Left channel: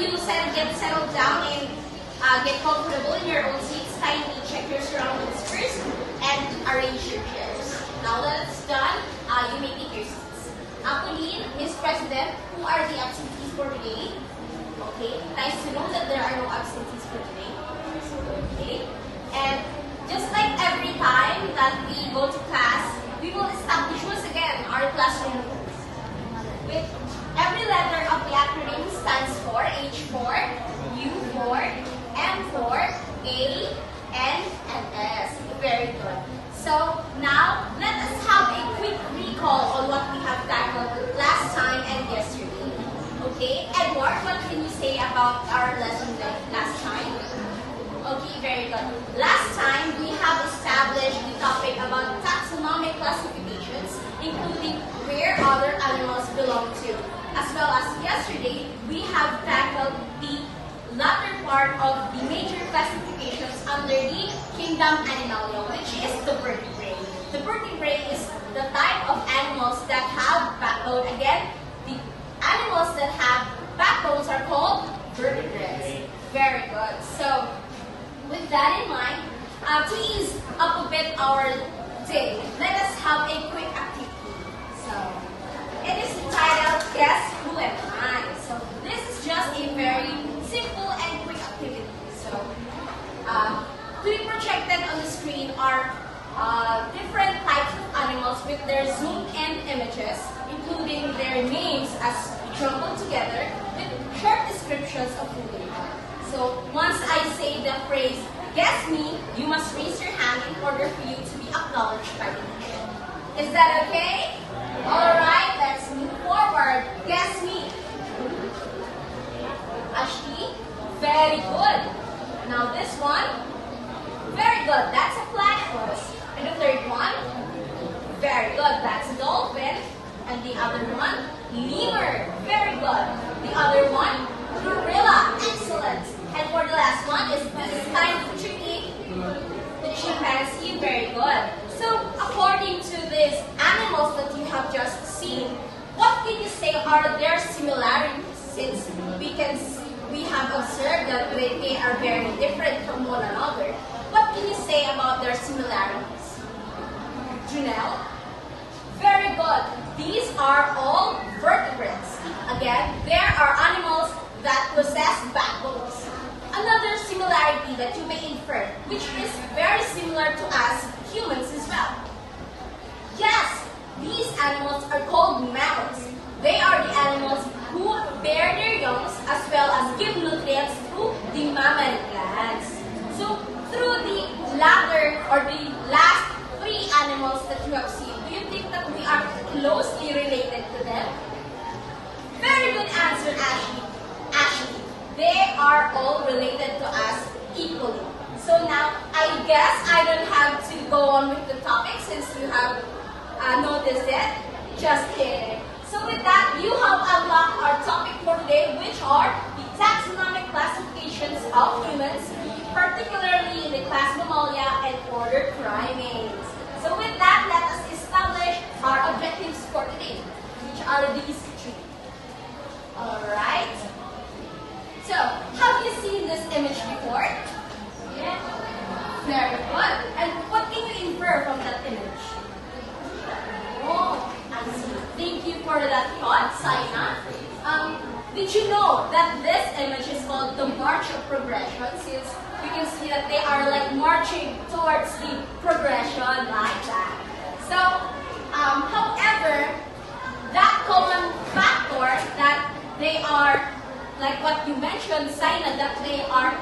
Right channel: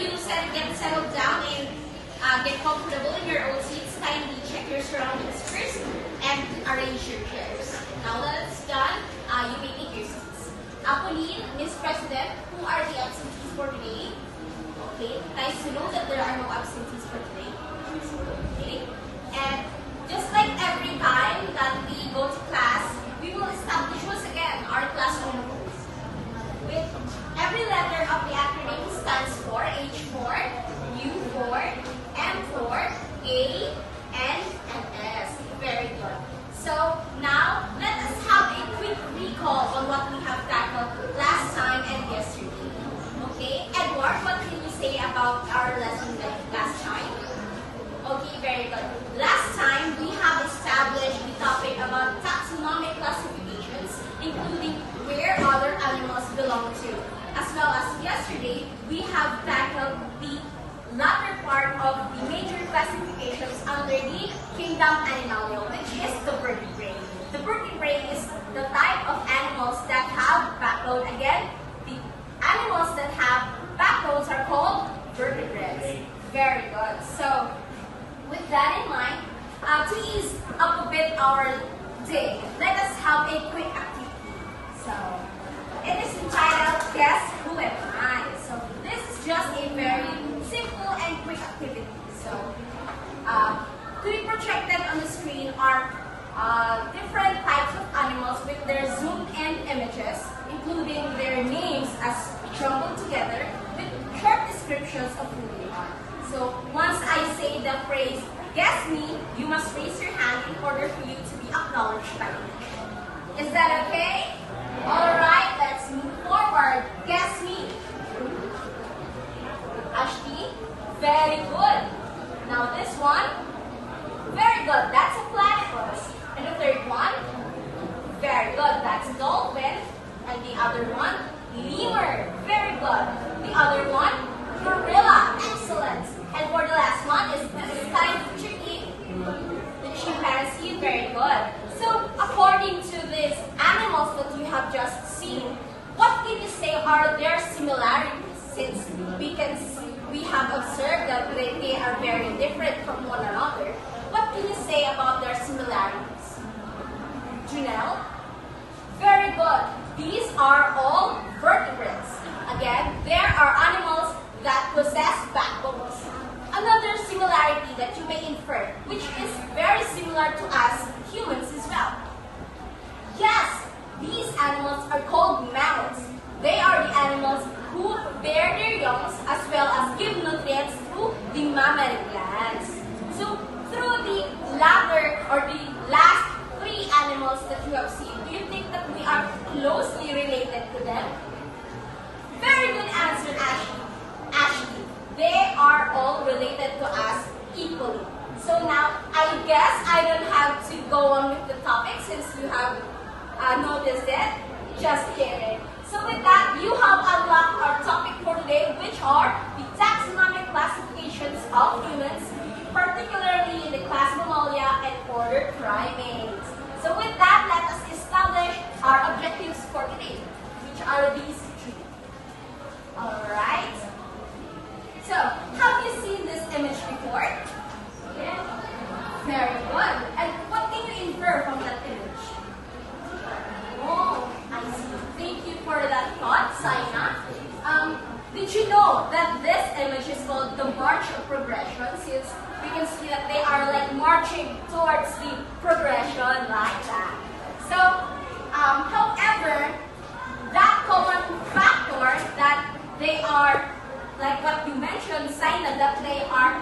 you get settled down and get comfortable in your own seats, kindly check your surroundings first and arrange your chairs. Now that it's done, you may take your seats. Pauline, Ms. President, who are the absentees for today? Okay, nice to know that there are no absentees for today. Okay, and just like every time that we go to class, we will establish once again our classroom rules. With every letter of the acronym stands for H4, U4, M4, A, N, and S. Very good. So now let us have a quick recall on what we have tackled last time and yesterday. Okay, Edward, what can you say about our lesson last time? Okay, very good. Last time, we have established the topic about taxonomic classifications, including where other animals belong to. As well as yesterday, we have tackled the latter part of the major classifications under the kingdom Animalia, which is the vertebrate. The vertebrate is the type of animals that have backbone. Again, the animals that have backbones are called vertebrates. Very good. So, with that in mind, to ease up a bit our day, let us have a quick activity. So, it is entitled Guess Who Am I? So, this is just a very simple and quick activity. So, to be projected on the screen are different types of animals with their zoomed-in images, including their names as jumbled together with short descriptions of who they are. So once I say the phrase, guess me, you must raise your hand in order for you to be acknowledged by me. Is that okay? Alright, let's move forward. Guess me. Ashley, very good. Now this one, very good. That's a platypus. And the third one, very good. That's a dolphin. And the other one, lemur. Very good. The other one, gorilla. Excellent. And for the last one is this kind of tricky, the chimpanzee. Very good. So according to these animals that you have just seen, what can you say are their similarities? Since we have observed that they are very different from one another. What can you say about their similarities? Janelle? Very good. These are all vertebrates. Again, there are animals that possess backbones. Another similarity that you may infer, which is very similar to us humans as well. Yes, these animals are called mammals. They are the animals who bear their young as well as give nutrients through the mammary glands. So, through the latter or the last three animals that you have seen, do you think that we are closely related to them? Very good answer, Ashley. Ashley, they are all related to us equally. So now, I guess I don't have to go on with the topic since you have noticed it. Just kidding. So with that, you have unlocked our topic for today, which are the taxonomic classifications of humans, particularly in the class Mammalia and order Primates. So with that, let us establish our objectives for today, which are these three. Alright. So, have you seen this image before? Yes. Very good. And what can you infer from that image? Oh, I see. Thank you for that thought, Saina. Did you know that this image is called the march of progression, since we can see that they are like marching towards the progression like that. So, however, that common factor that they are, like what you mentioned, Saina, that they are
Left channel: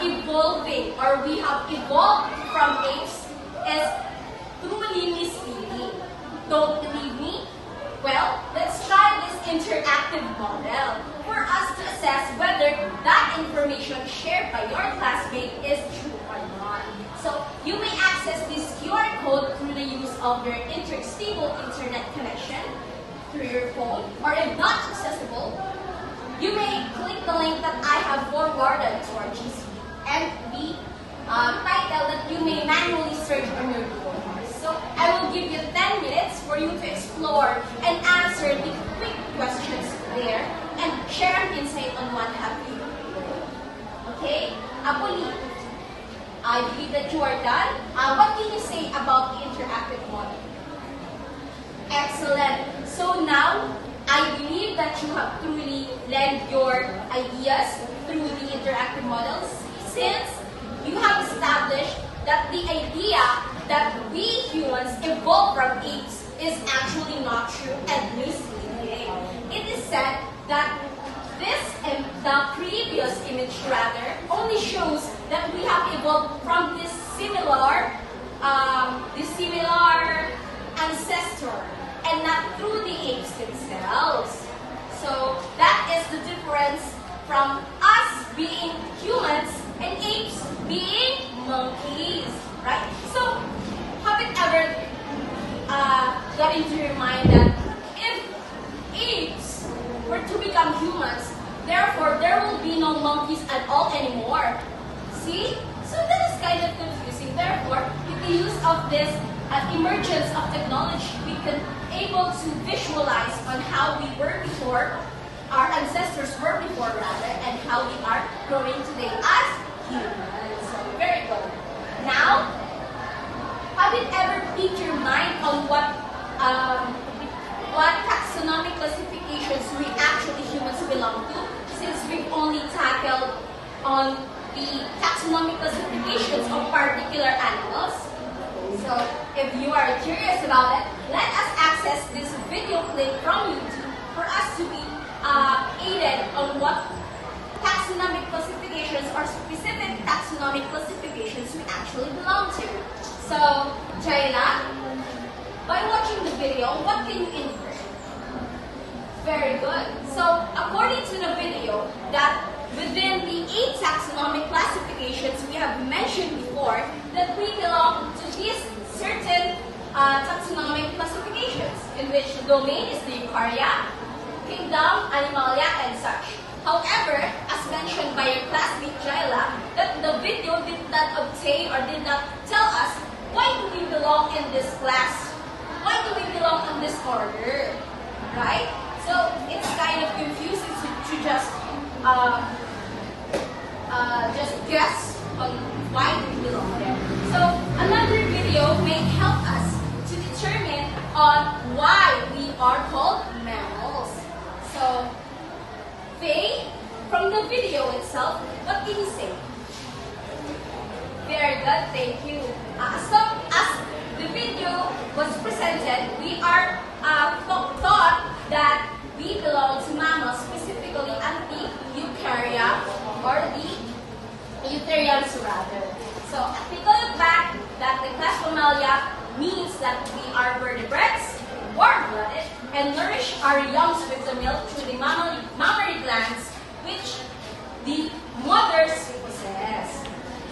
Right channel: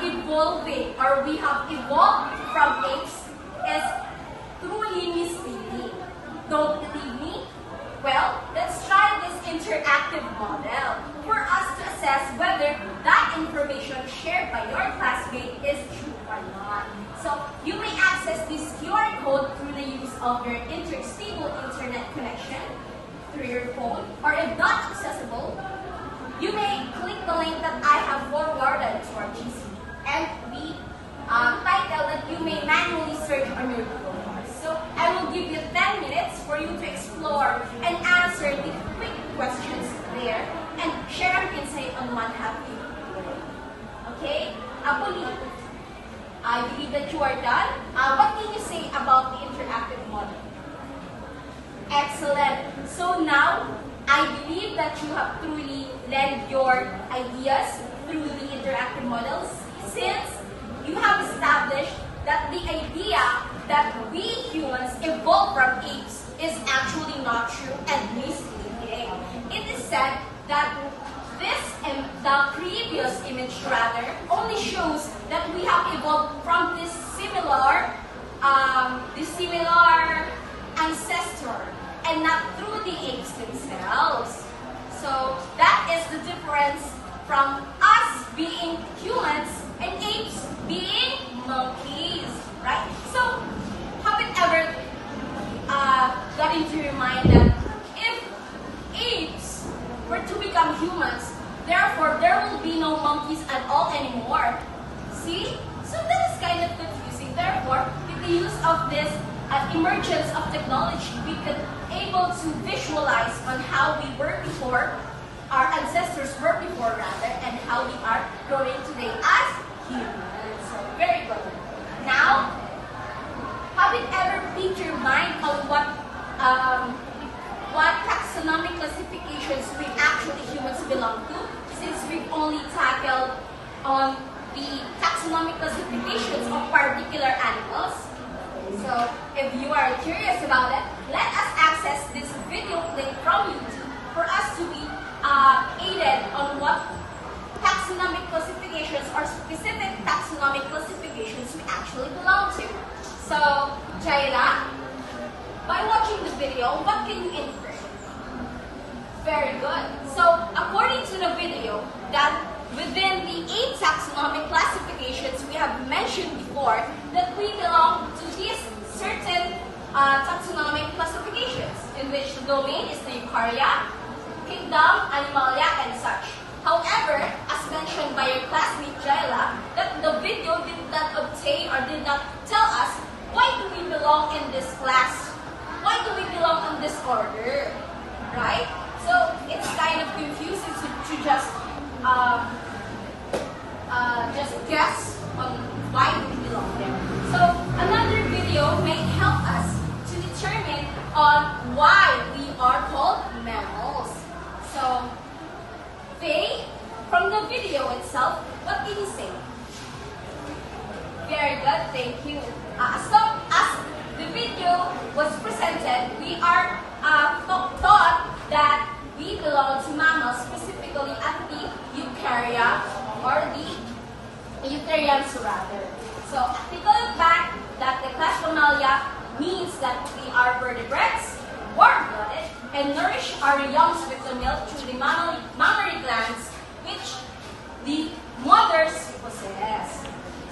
evolving, or we have evolved from apes, is through lineage feeding. Don't believe me? Well, let's try this interactive model for us to assess whether that information shared by your classmate is true or not. So, you may access this QR code through the use of your stable internet connection through your phone, or if not accessible, you may click the link that I have forwarded to our GC and the title that you may manually search on your Google bars. So I will give you 10 minutes for you to explore and answer the quick questions there and share an insight on one happy. Okay? Apoli, I believe that you are done. What can you say about the interactive model? Excellent. So now, I believe that you have truly led your ideas through the interactive models, since you have established that the idea that we humans evolved from apes is actually not true and misleading. It is said that the previous image rather only shows that we have evolved from this similar ancestor and not through the apes themselves. So that is the difference from us being humans and apes being monkeys, right? So have it ever got into your mind that if apes were to become humans, therefore there will be no monkeys at all anymore? See? So that is kind of confusing. Therefore, with the use of this emergence of technology, we can able to visualize on how we were before, our ancestors were before rather, and how we are growing today as humans. So very good. Now, have it ever piqued your mind on what taxonomic classifications we actually humans belong to? Since we've only tackled on the taxonomic classifications of particular animals. So, if you are curious about it, let us access this video clip from YouTube for us to be aided on what taxonomic classifications or specific taxonomic classifications we actually belong to. So, Jaila, by watching the video, what can you infer? Very good. So, according to the video, that within the 8 taxonomic classifications we have mentioned before, that we belong to these certain taxonomic classifications, in which the domain is the Eukarya, Kingdom, Animalia, and such. However, as mentioned by your classmate Jaila, that the video did not obtain or did not tell us why do we belong in this class, why do we belong in this order, right? So it's kind of confusing to just guess on why we belong there. So another video may help us to determine on why we are called mammals. So Faye, from the video itself, what can you say? Very good, thank you. So as the video was presented, we are taught that we belong to mammals, specifically at the Eukarya or the Eutherians rather. So take a look back that the class Mammalia means that we are vertebrates, warm-blooded, and nourish our young with the milk through the mammary glands which the mothers possess.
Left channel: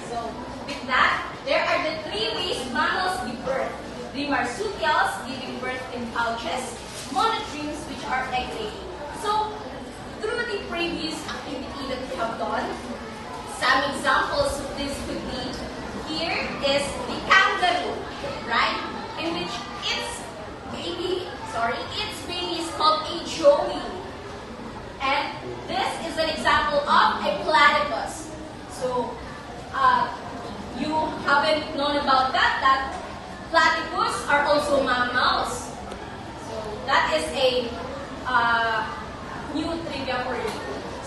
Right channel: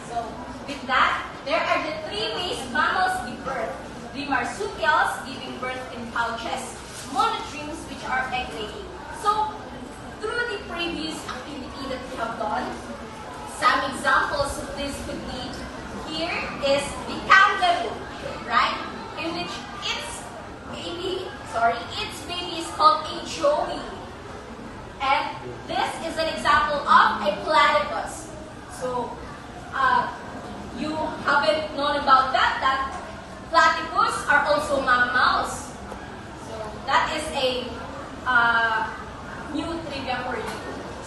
So with that, there are the 3 ways mammals give birth. The marsupials giving birth in pouches, monotremes which are egg-laying. So through the previous activity that we have done, some examples of this could be, here is the kangaroo, right? In which its baby is called a joey. And this is an example of a platypus. So you haven't known about that platypus are also mammals. So that is a new trivia for you.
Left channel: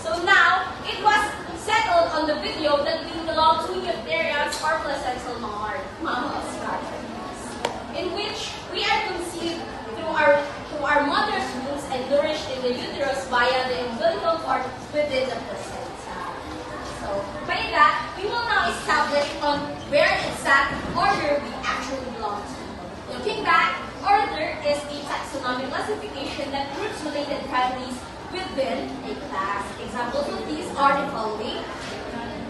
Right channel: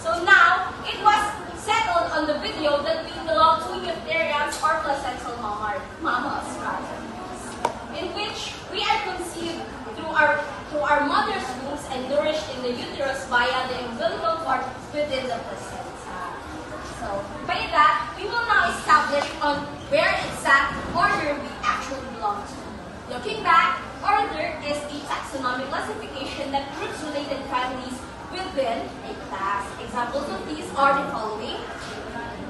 So now, it was settled on the video that we belong to Eutherians or placental mammals rather, in which we are conceived through our mother's wombs and nourished in the uterus via the umbilical cord within the placenta. So by that, we will now establish on where exact order we actually belong to. Looking back, order is a taxonomic classification that groups related families within a class. Examples of these are the following.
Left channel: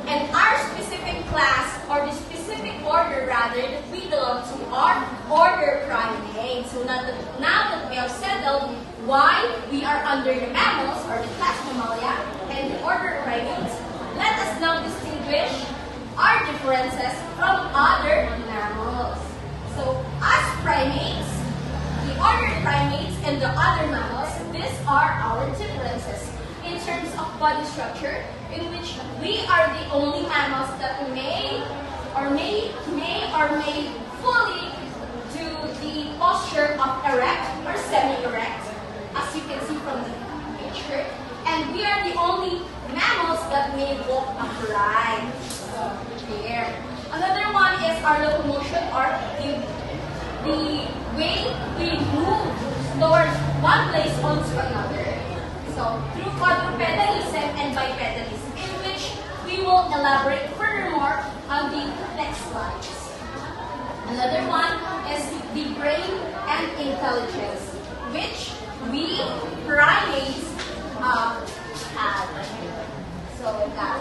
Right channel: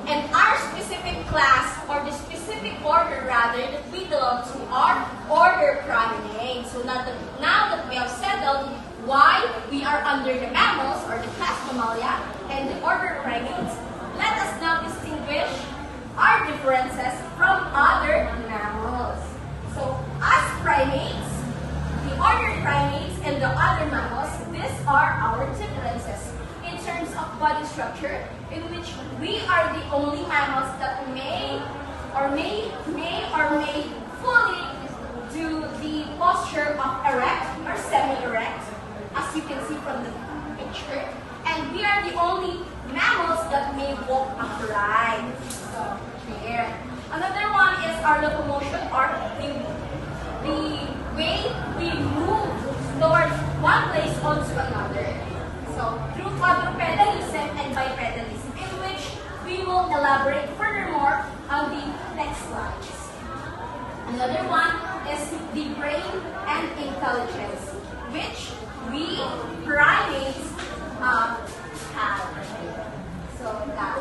And our specific class, or the specific order rather, that we belong to are order Primates. So now that we have settled why we are under the mammals, or the class Mammalia, and the order Primates, let us now distinguish our differences from other mammals. So as primates, the order Primates and the other mammals, these are our differences. terms of body structure, in which we are the only mammals that may fully do the posture of erect or semi-erect, as you can see from the picture. And we are the only mammals that may walk upright. So, here. Another one is our locomotion, or the way we move towards one place onto another. So, through quadrupedalism and bipedalism, in which we will elaborate furthermore on the next slides. Another one is the brain and intelligence, which we primates have. So that.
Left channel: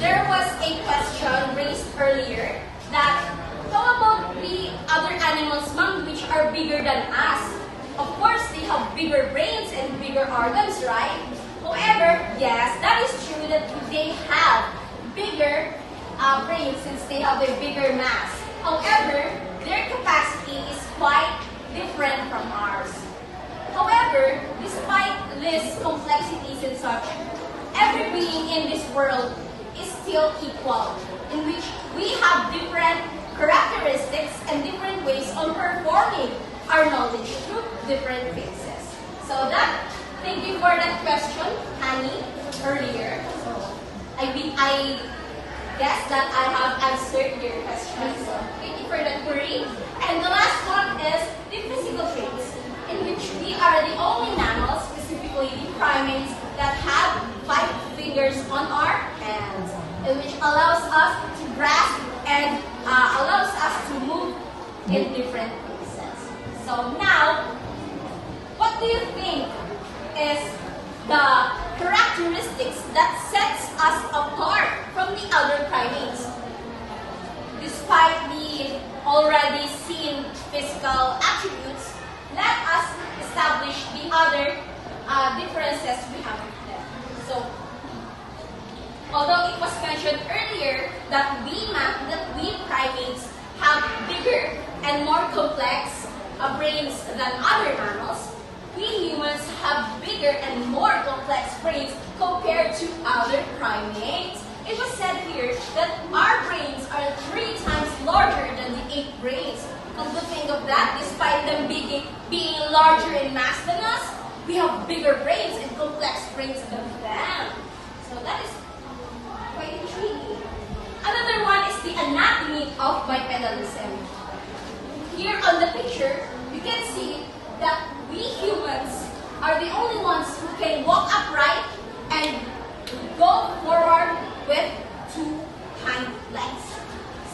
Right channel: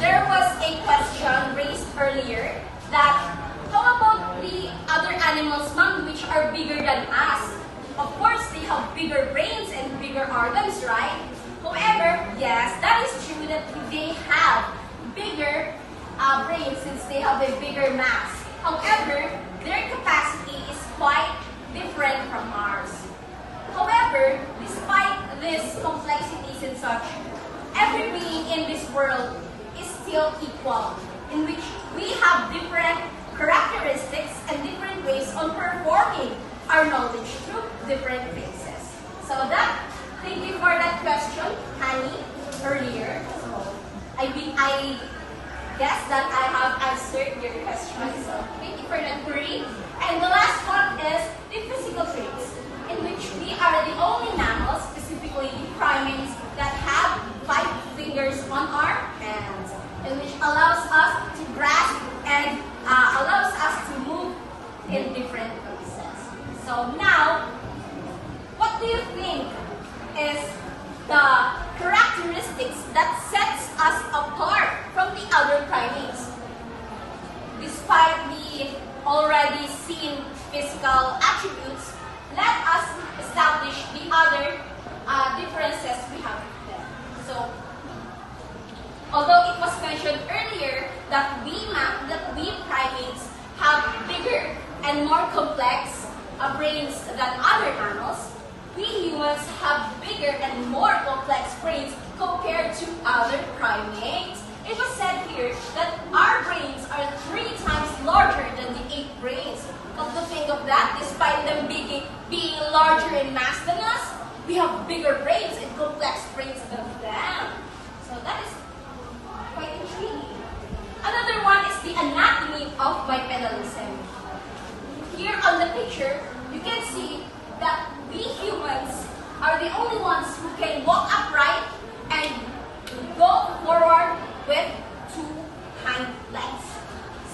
There was a question raised earlier that how about the other animals, ma'am, which are bigger than us? Of course, they have bigger brains and bigger organs, right? However, yes, that is true that they have bigger brains since they have a bigger mass. However, their capacity is quite different from ours. However, despite these complexities and such, every being in this world is still equal, in which we have different characteristics and different ways on performing our knowledge through different phases. So thank you for that question, Annie, earlier. So I guess that I have answered your question. So thank you for that query. And the last one is the physical traits, in which we are the only mammals, specifically the primates, that have 5 fingers on our hands, and which allows us to grasp and allows us to move in different places. So now, what do you think is the characteristics that sets us apart from the other primates? Despite the already seen physical attributes, let us establish the other differences we have with them. So, although it was mentioned earlier that we primates have bigger and more complex brains than other mammals, we humans have bigger and more complex brains compared to other primates. It was said here that our brains are 3 times larger than the ape brains. Come to think of that, despite them being larger in mass than us, we have bigger brains and complex brains than them. So that is quite intriguing. Another one is the anatomy of bipedalism. Here on the picture, you can see that we humans are the only ones who can walk upright and go forward with 2 hind legs.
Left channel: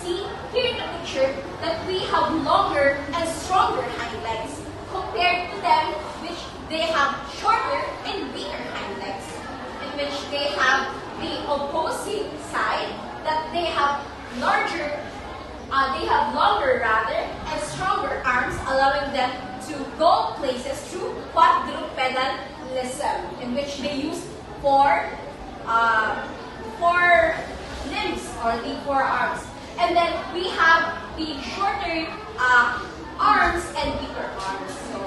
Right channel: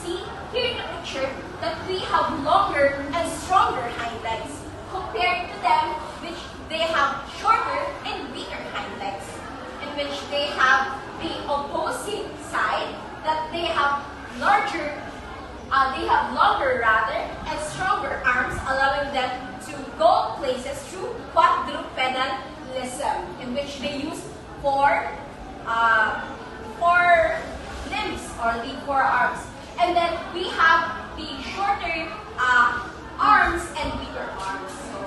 See, here in the picture, that we have longer and stronger hind legs compared to them, which they have shorter and weaker hind legs, in which they have the opposing side, that they have longer and stronger arms, allowing them to go places through quadrupedalism, in which they use 4 limbs or the 4 arms. And then we have the shorter arms and weaker arms. So,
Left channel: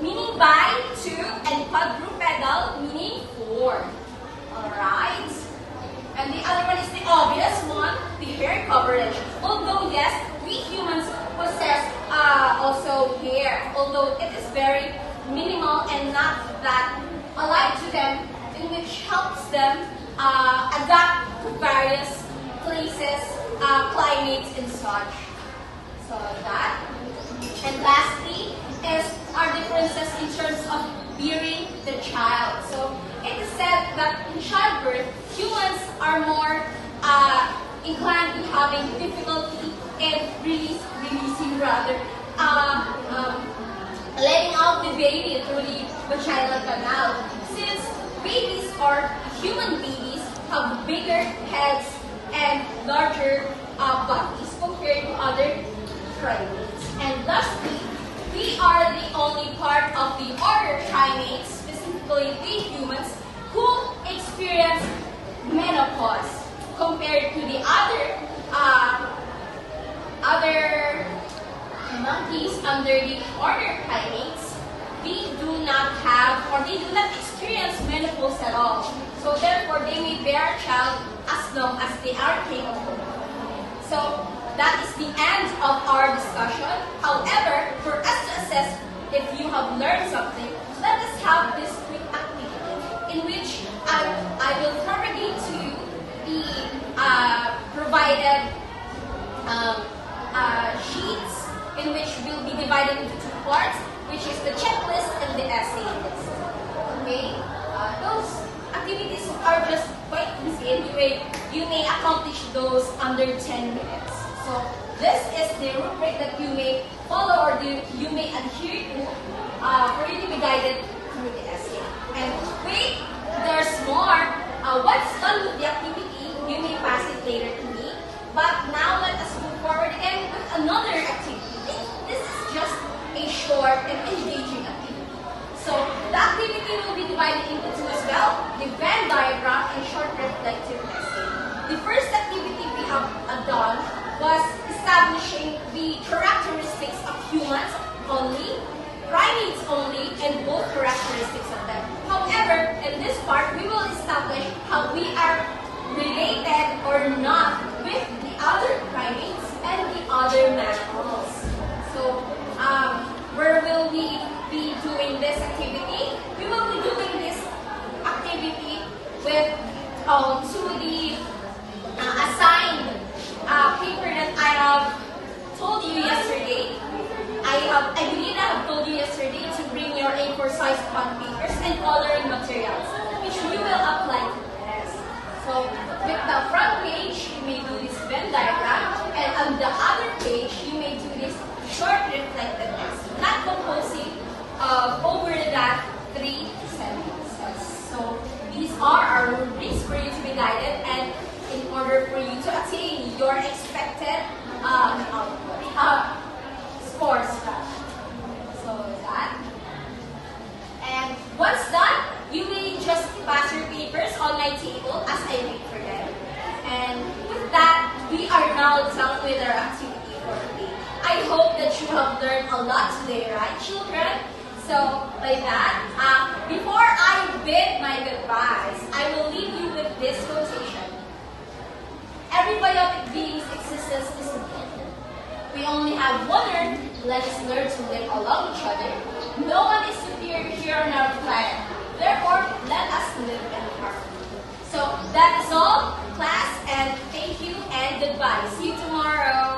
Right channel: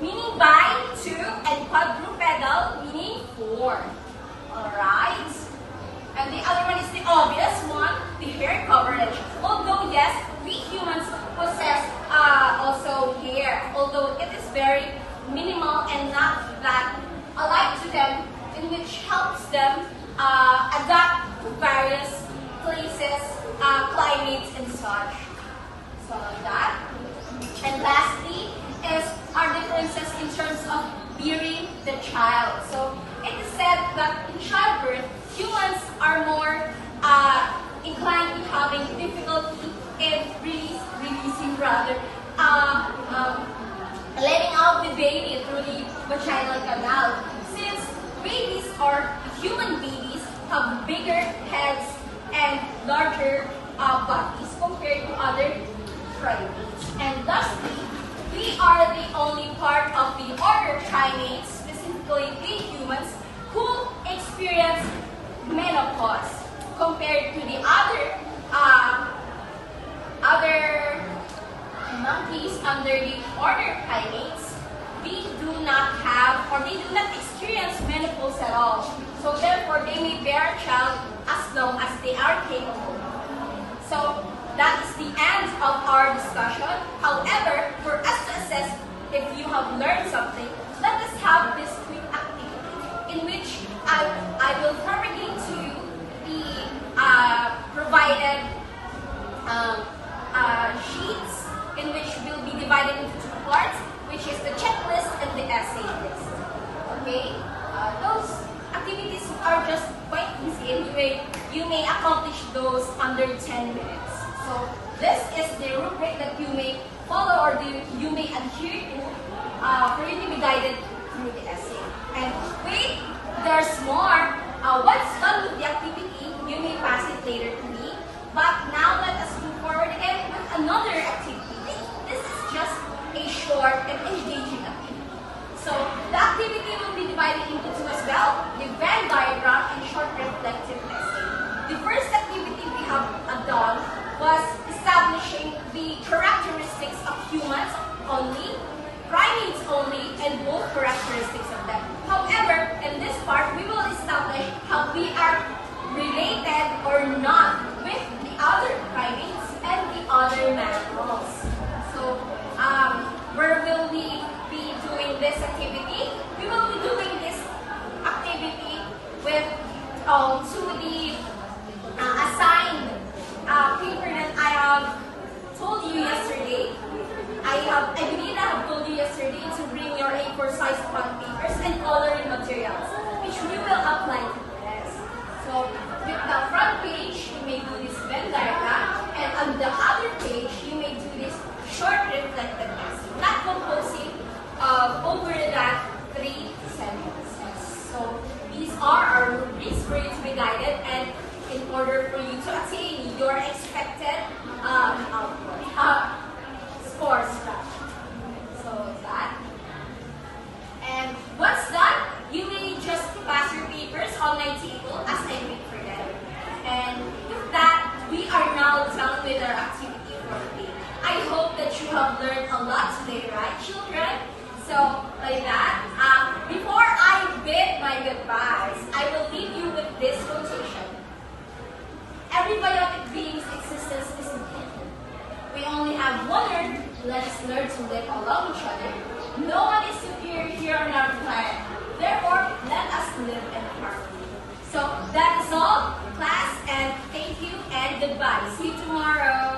meaning bi, 2, and quadrupedal, meaning 4. Alright? And the other one is the obvious one, the hair coverage. Although, yes, we humans possess also hair, although it is very minimal and not that alike to them, in which helps them adapt to various places, climates, and such. So that. And lastly is our differences in terms of bearing the child. So it is said that in childbirth, humans are more inclined to having difficulty in letting out the baby through the vaginal canal. Since babies or human babies have bigger heads and larger bodies compared to other primates. And lastly, we are the only part of the order primates, specifically the humans, who experience menopause compared to the other monkeys under the order primates. we do not have or they do not experience menopause at all. So therefore, they may bear a child as long as they are capable. So that is the end of our discussion. However, for us to assess if you have learned something, let us have this quick activity in which I will propagate to you the provided sheets in which will be divided into two parts, which is the checklist and the essay list. Okay? Those activities are just quite easy. Anyway, you may accomplish those under 10 minutes. So this is the rubric that you may follow or you may adhere to for you to be guided through the essay. And wait, there's more. Once done with the activity, you may pass it later to me. But now let us move forward again with another activity. This is just a short and engaging activity. So the activity will be divided into two as well, the Venn diagram and short reflective essay. The first activity we have done was establishing the characteristics of humans only, primates only, and both characteristics of them. However, in this part, we will establish how we are related or not with the other primates and the other mammals. So, where will we be doing this activity? We will be doing this activity with to the assigned paper that I have told you yesterday. I believe I have told you yesterday to bring your A4 size bond papers and coloring materials, which we will apply to this. So, with the front page, you may do this Venn diagram, and on the other page, you may do this short reflective essay, not composing over that 3 sentences. So, these are our rubrics for you to be guided, and in order for you to attain your expected scores. So that. And once done, you may just pass your papers on my table as I wait for them. And with that, we are now done with our activity for the day. I hope that you have learned a lot today, right, children? So, by that, before I bid my goodbyes, I will leave you with this quotation. Every biotic being's existence is important. We only have one Earth. Let us learn to live along each other. No one is superior here on our planet. Therefore, let us live in harmony. So that is all, class, and thank you and goodbye. See you tomorrow.